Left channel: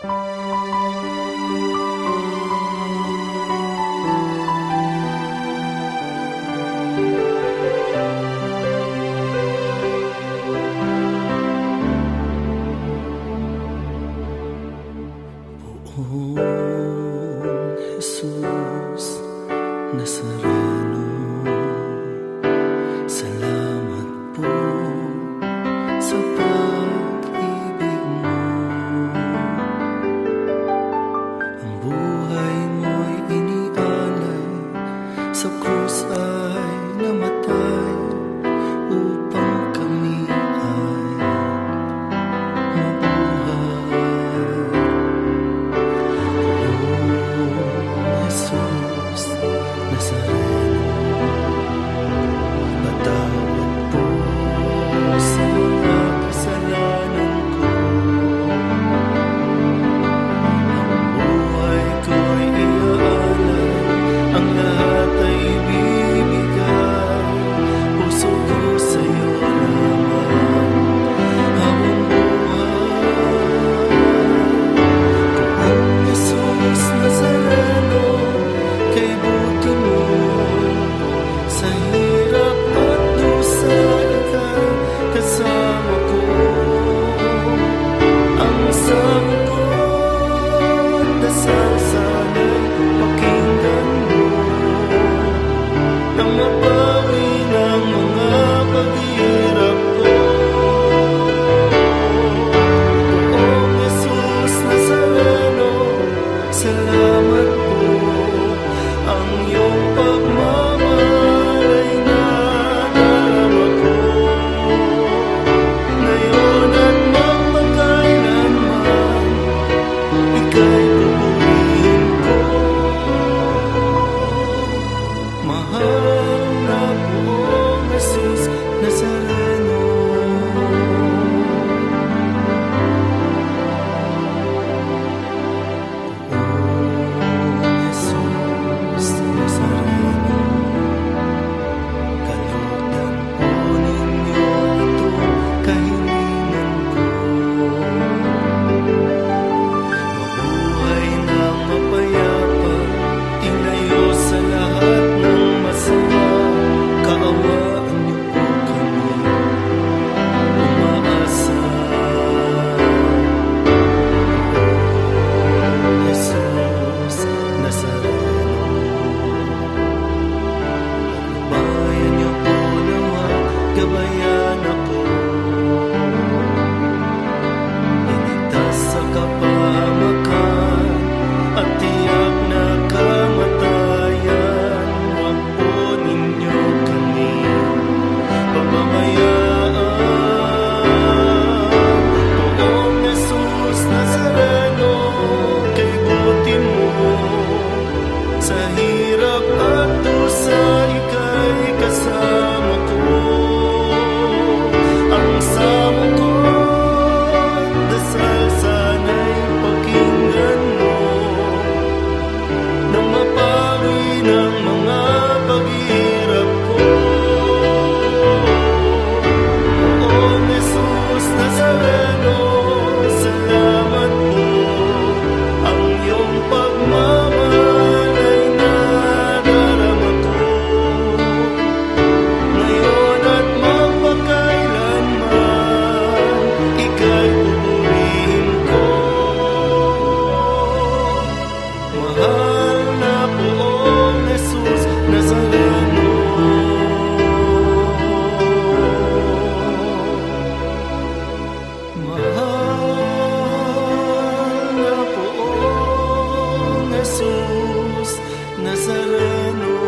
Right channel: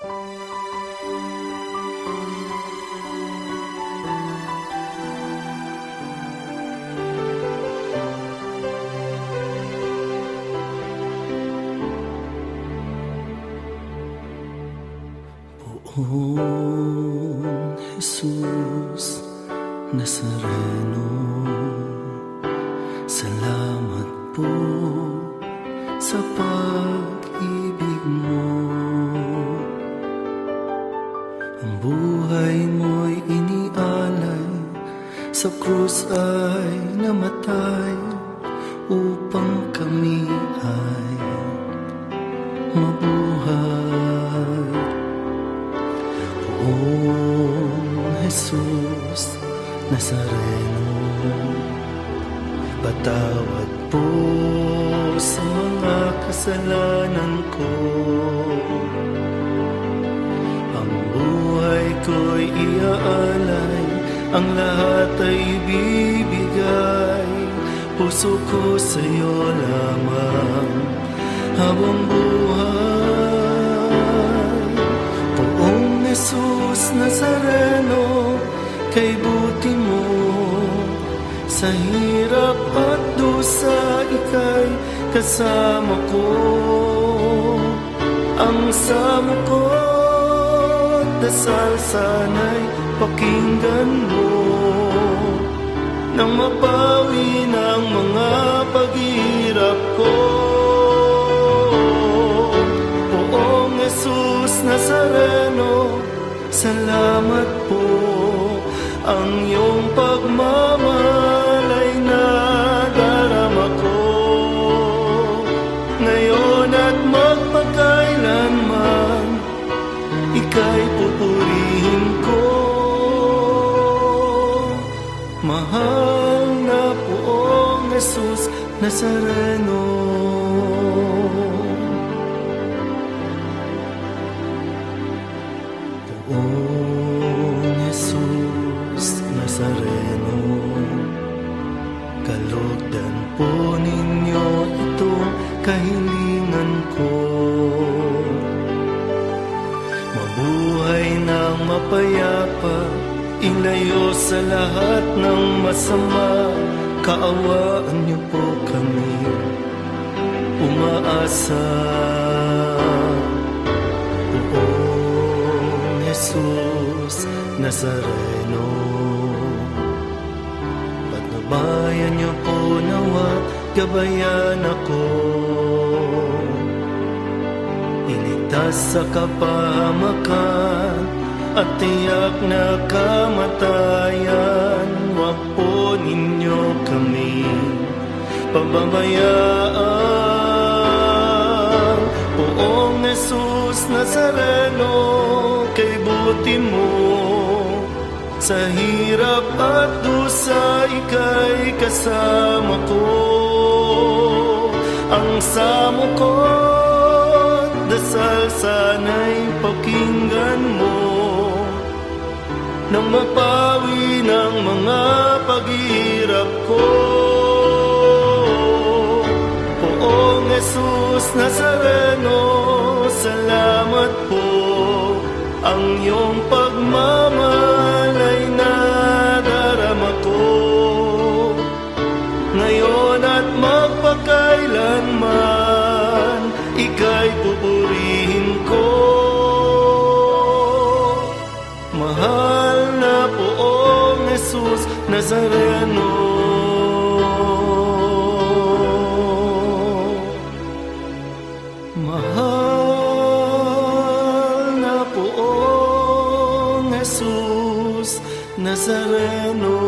Poong Jesus Nazareno, salamat po sa pag-ibig mo. Ang buhay mo'y inialay, sa krus ay namatay, upang kami ay mabuhay. Jesus Nazareno, patawad po sa mga kasalanan ko. Ang buhay ko'y iaalay, ang lahat ay ibibigay. Puso ko sa'yo lamang habang buhay. Poong Jesus Nazareno, kay buti mo sa hirap at dusa, ika'y kasama ko. Ang samo ko at dasal sana'y pakinggan mo, nang mapawi ng mga paghihirap ko. Poong Jesus Nazareno, salamat po. Ang iyong pagmamahal ay nadarama ko, ngayon at magpakailanman, ika'y pupurihin ko. Mahal na Poong Jesus Nazareno, Nazareno, kalugdan po ninyo ito kahilingan ko. Mabuhay ng mapayapa, ilayo sa lahat ng masama. Kaawaan niyo po kami, umaasa. Poong Jesus Nazareno, bayan niyo po nawa, gabayan ako. Iligtas sa kapahamakan at tiyak na kamatayan. Huwag po ninyo kami pababayaan. Poong Jesus Nazareno, kay buti mo sa hirap at dusa, ika'y kasama ko. Ang samo ko at dasal sana'y pakinggan mo, nang mapawi ng mga paghihirap ko. Poong Jesus Nazareno, salamat po. Ang iyong pagmamahal ay nadarama ko, ngayon at magpakailanman, ika'y pupurihin ko. Mahal na Poong Jesus Nazareno, Jesus Nazareno.